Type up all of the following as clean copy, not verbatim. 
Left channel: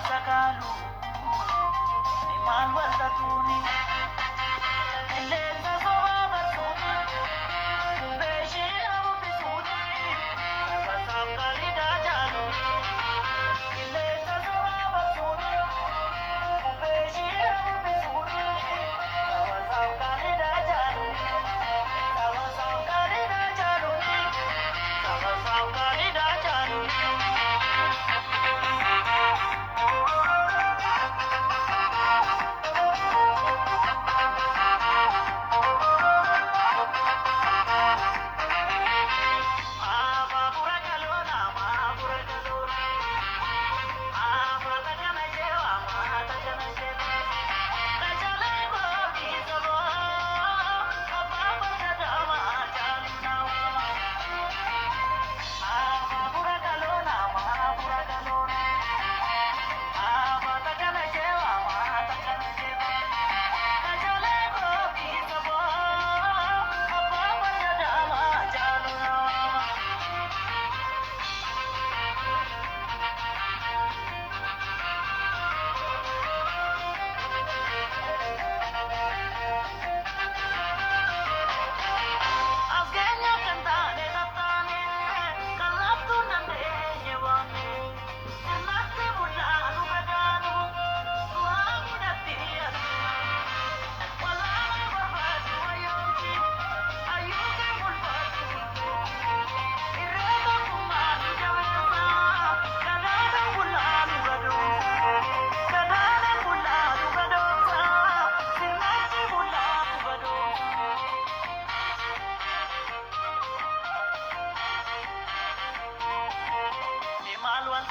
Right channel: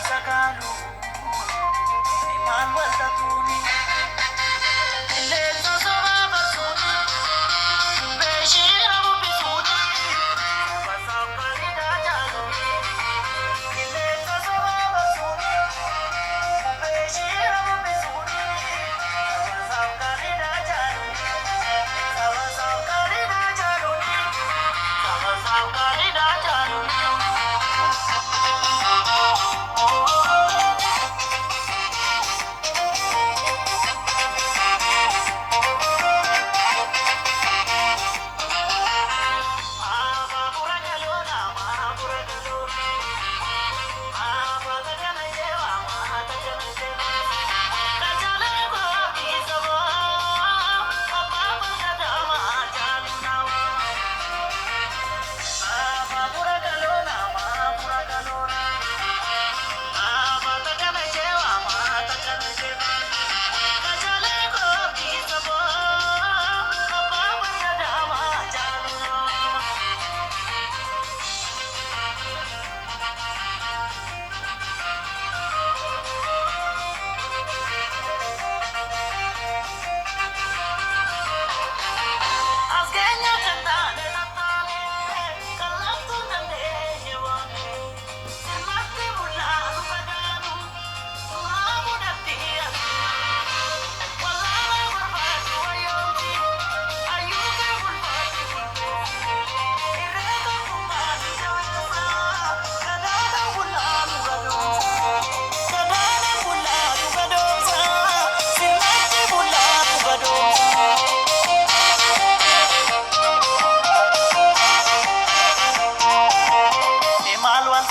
sakalu iman wal tatuni illesa soba barsuni beshira bisuni sabasam kalida jalu illesa soba barsuni beshira bisuni sabasam kalida jalu sabasam kalida jalu sabasam kalida jalu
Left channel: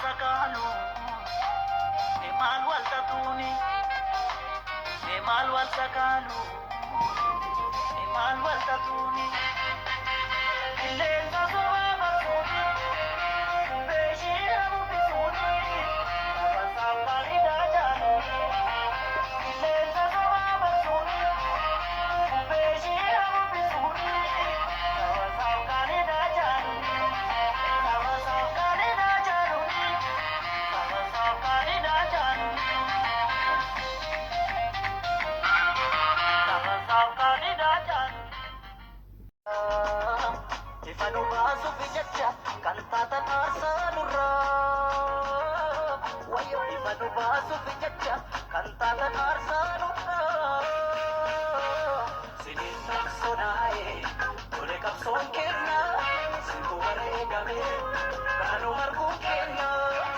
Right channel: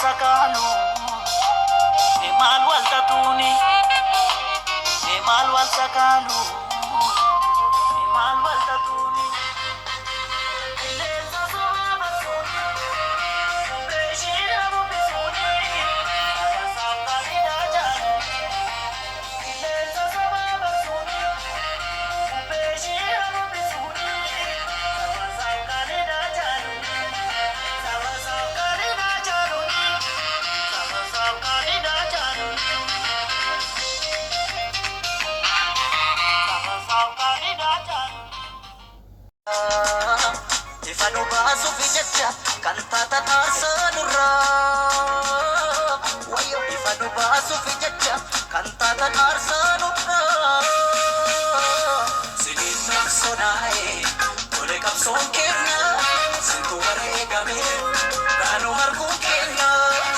sakalu iman wal tatuni iman wal sakalu iman wal tatuni illesa soba barsuni beshira bisuni sabasam kalida jalu illesa soba barsuni beshira bisuni sabasam kalida jalu sabasam kalida jalu sabasam kalida jalu sabasam kalida jalu Ifanu basu fijacha kantata arsanurra wayo ifanu basu fijacha kantata arsanurra sinin sonae ole kapson kenya sintu baregame kanu harku kenya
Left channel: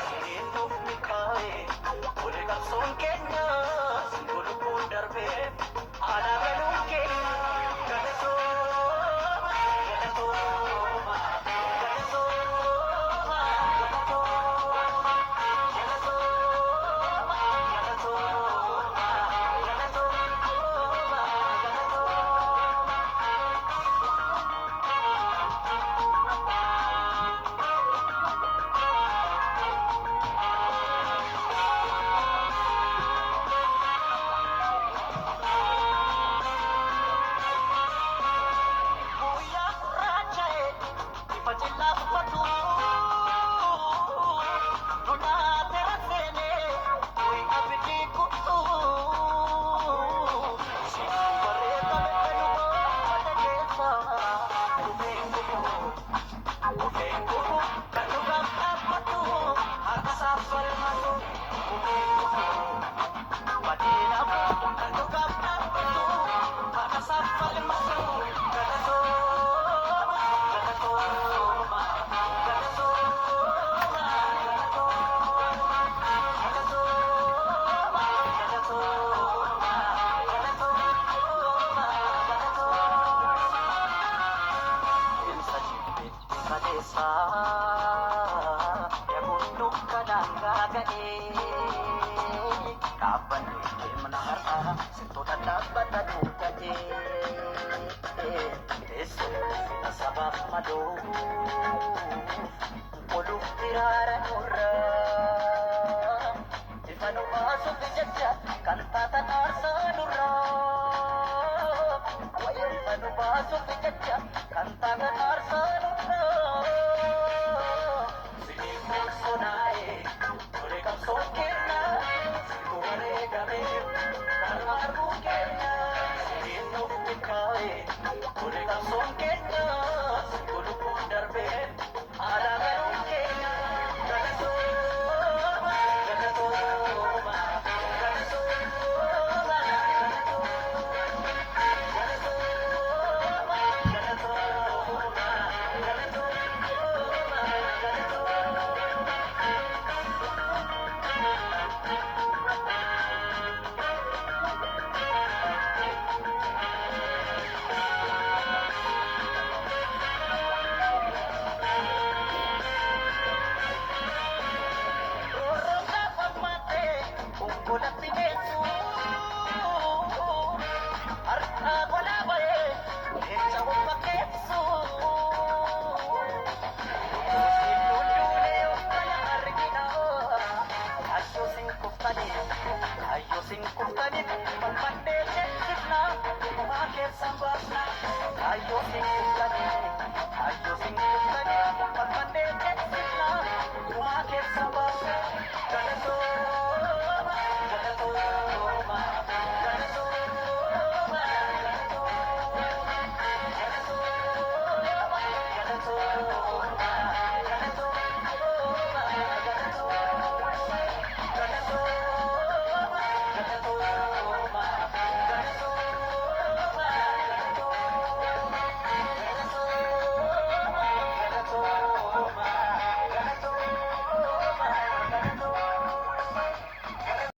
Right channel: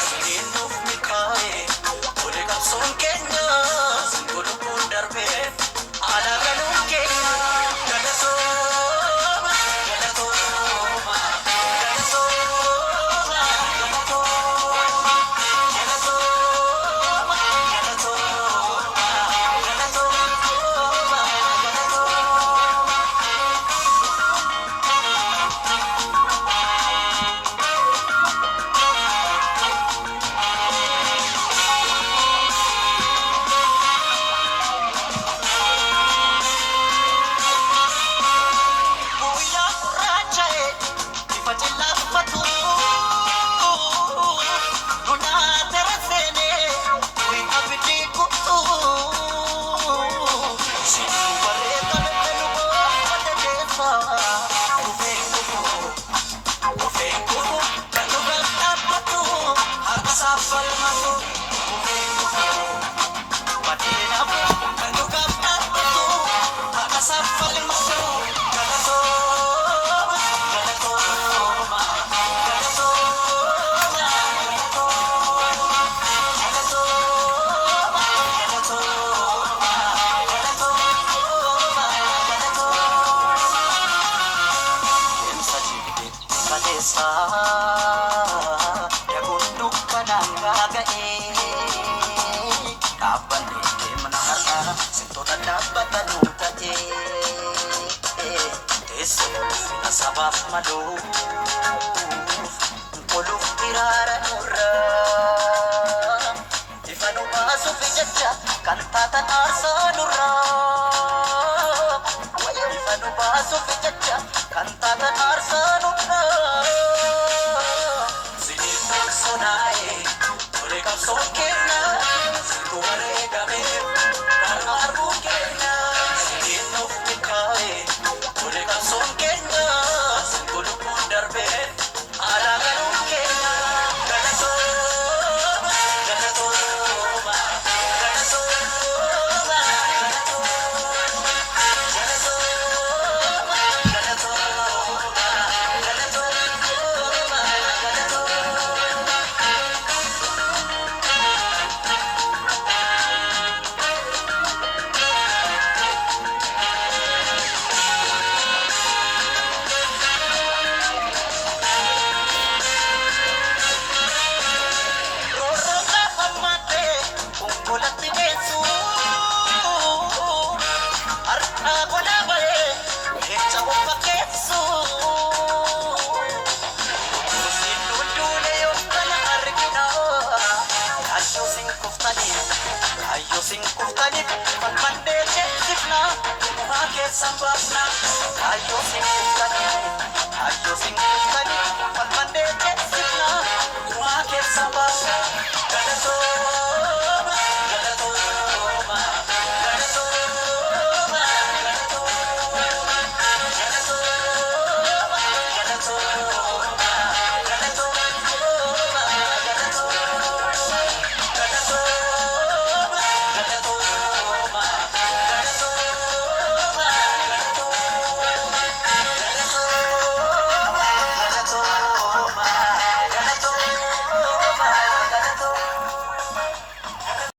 sinin of mikae ole kapson kenya sintu lupun darbe ala kanu kenya kadaso ya gunduk kananga gae kapan de menara sinto dapat anuta je eso nasabab mado polu kirara nurra ifanu basu fijacha kantata arsanurra wayo ifanu basu fijacha kantata arsanurra sinin sonae ole kapson kenya sambaafna kaayyoo sin eegganne kaayyoo sin